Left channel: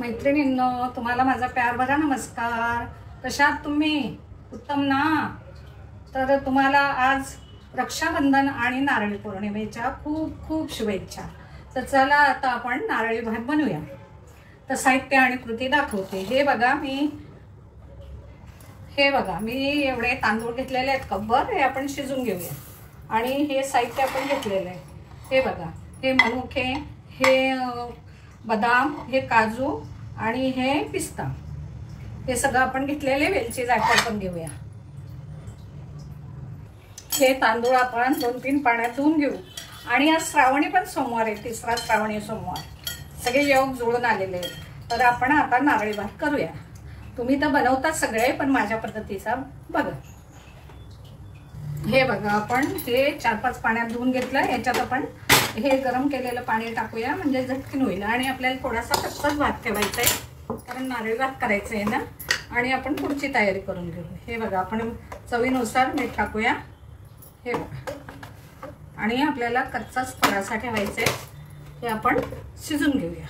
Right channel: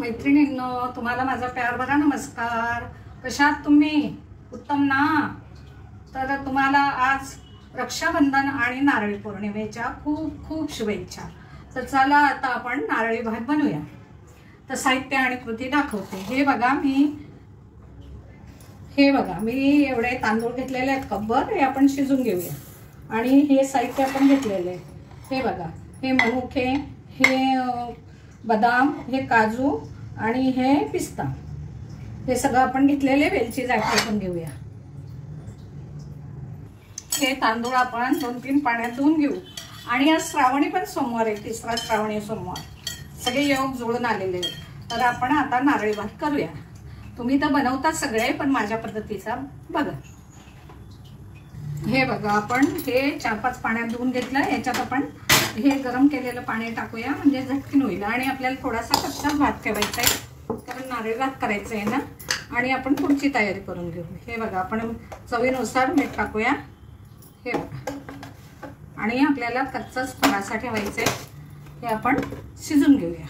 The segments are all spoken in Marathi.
मैत्रिणींनो, तुम्हाला माझा प्यार भरा नमस्कार. कशा आहात तुम्ही? उत्तम ना? तर तुम्हाला आज रक्षाबंधन आणि नारळी पौर्णिमेच्या खूप खूप शुभेच्छा. तर चला आता आपण नारळी भात बनवूया. तर साहित्य आणि कृती दाखवते. हे बघा मी एवढे तांदूळ घेतलेले आहेत कपभर. हे आपण शिजून घेऊया. आणि हे साहित्य आपण घेतलेले आहे. हे बघा, हे मनुके, हे बदाम, हे काजू आणि हे पिस्ता, हे सगळं आपण घेतलेले. वेलची जायफळ पण घेऊया. हे तांदूळ आपण 2-3 पाण्यात धुवून घेऊ. आणि आज श्रावणी पण सोमवार आहे, तिसरा श्रावणी सोमवार. सगळे योग जुळून आलेले आहेत. तर आपण आता नारळी भात करूया. तुम्ही तर बनवतात सगळे, पण माझ्या पद्धतीचा बघा. हे बघा, आपण हे 4-5 पाण्यात धुवून घेतलं. याच्यात आपण हे गरम केलेलं पाणी टाकूया, म्हणजे झटकीन होईल. आणि आपल्याला थोडासा कच्चाच भात ठेवायचा आहे, कारण नारळी भात करायचं आहे ना. आणि आपण पुढची तयारी करून घेऊ. हे बघा, आपण चवीनुसार मीठ टाकूया. हे बघा, आणि आपल्याला कच्चाच थोडासा ठेवायचा आहे. हे आपण शिजून घेऊया.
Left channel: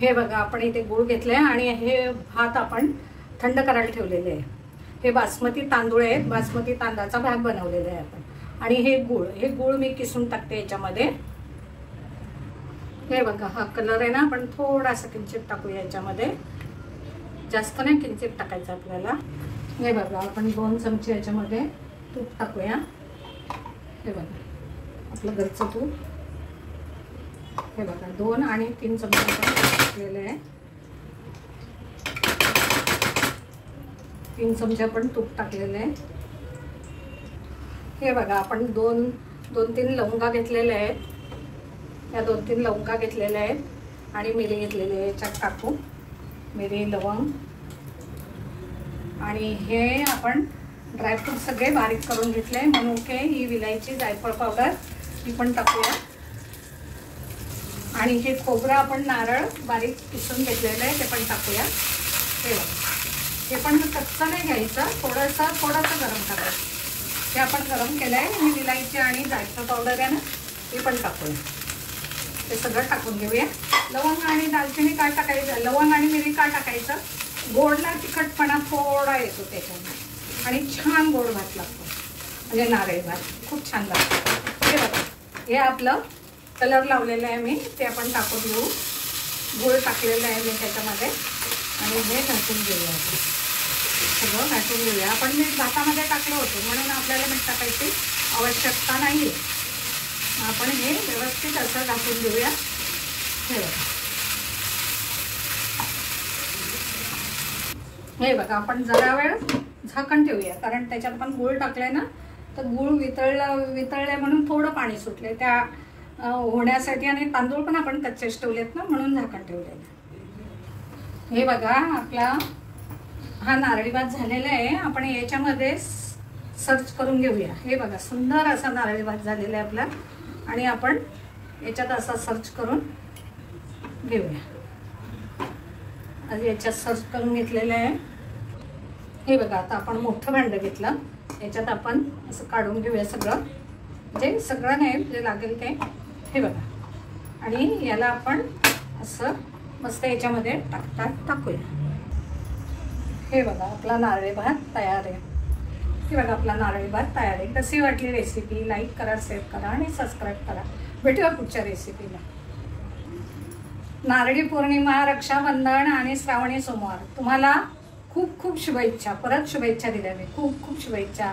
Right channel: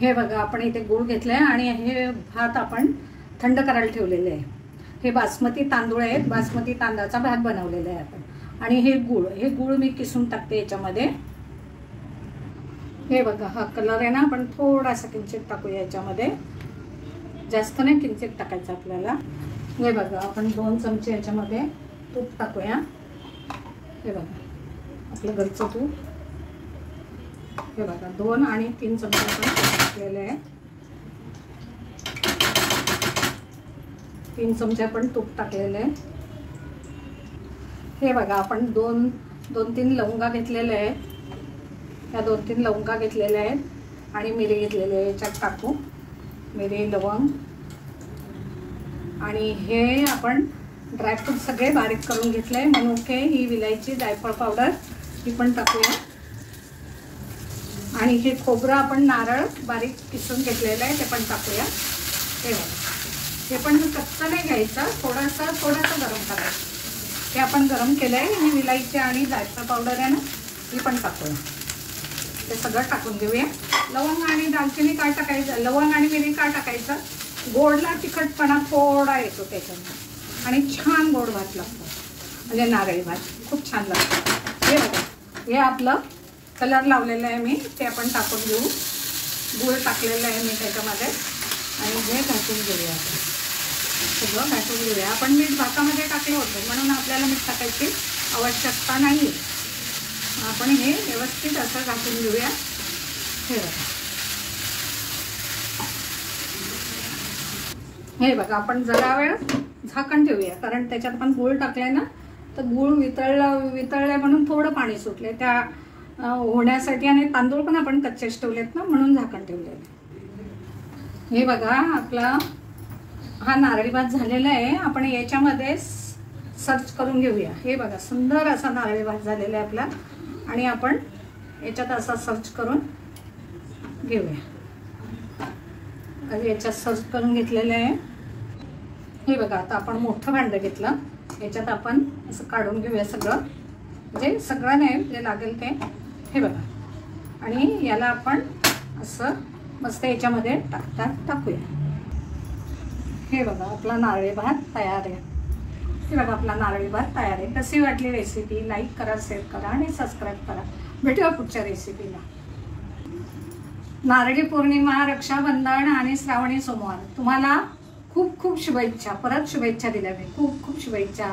हे बघा, आपण इथे गूळ घेतलाय आणि हे भात आपण थंड करायला ठेवलेले आहे. हे बासमती तांदूळ आहेत. बासमती तांदळाचा भात बनवलेला आहे आपण. आणि हे गूळ मी किसून टाकते याच्यामध्ये. हे बघा, हा कलर आहे ना, आपण थोडासा किंचित टाकूया याच्यामध्ये. जास्त नाही, किंचित टाकायचं आपल्याला. हे बघा, आपण 2 चमचे याच्यामध्ये तूप टाकूया. हे बघा, आपलं घरचं तूप. हे बघा, 2 आणि 3 चमचे आपण टाकलेले आहे. 3 चमचे आपण तूप टाकलेले आहे. हे बघा, आपण 2-3 लवंगा घेतलेले आहेत. या 2-3 लवंगा घेतलेल्या आहेत. आणि मिरी घेतलेले आहे. याच्यात टाकू मिरी, लवंग. आणि हे आपण ड्रायफ्रूट सगळे बारीक करून घेतले. मनुके, ही विलायची, जायफळ पावडर, ही पण टाकूया. आणि हे खोबरं आपण नारळ बारीक किसून घेतलेलं आहे, ते पण टाकूया. हे बघा, हे पण कच्चं नाही घ्यायचं, थोडंसं गरम करायचं. हे आपण गरम केलं आहे. आणि विलायची आणि जायफळ पावडर आहे ना, ही पण टाकूया. हे सगळं टाकून घेऊया. लवंग आणि दालचिनी काय टाकायचं, लवंग आणि मिरी काय टाकायचं, गोडला तिखटपणा थोडा येतो त्याच्यामध्ये. आणि छान गोड भात लागतो, म्हणजे नारळी भात खूप छान लागतो. हे बघा, हे आपलं कलर लावलेलं आहे मी, ते आपण टाकून घेऊ. गूळ टाकलेलं आहे मी त्याच्यामध्ये. आणि हे घासून घेऊया. सगळं घासून घेऊया. आपण मीठ भातामध्ये टाकलं होतं, म्हणून आपल्याला मीठ टाकायची आवश्यकता नाही आहे. आपण हे व्यवस्थित असं घासून घेऊया. हे बघा, हे बघा, आपण जरा वेळ झाकण ठेवूया, कारण त्याच्यात पण गूळ टाकलाय ना, तर गूळ वितळले म्हणून थोडं पाणी सुटले त्या होण्यासाठी. आणि तांदूळ पण आपण कच्चेच ठेवलेत ना, म्हणून झाकण ठेवलेलं. हे बघा, आपला हा नारळी भात झालेला आहे. आपण याच्यामध्ये सर्च करून घेऊया. हे बघा, सुंदर असा नारळी भात झालेला आहे आपला. आणि आपण याच्यात असा सर्च करून घेऊया. याच्यात सर्च करून घेतलेलं आहे. हे बघा, आता आपण मोठं भांडं घेतलं. याच्यात आपण असं काढून घेऊया सगळं, म्हणजे सगळं नाही, जे लागेल ते. हे बघा, आणि याला आपण असं मस्त याच्यामध्ये टाकूया. हे बघा, आपला नारळी भात तयार आहे. हे बघा, आपला नारळी भात तयार आहे. कशी वाटली रेसिपी? लाईक करा, शेअर करा आणि सबस्क्राईब करा. भेटूया पुढच्या रेसिपीला. नारळी पौर्णिमा, रक्षाबंधन आणि श्रावणी सोमवार, तुम्हाला खूप खूप शुभेच्छा. परत शुभेच्छा दिल्या मी. खूप खूप शुभेच्छा.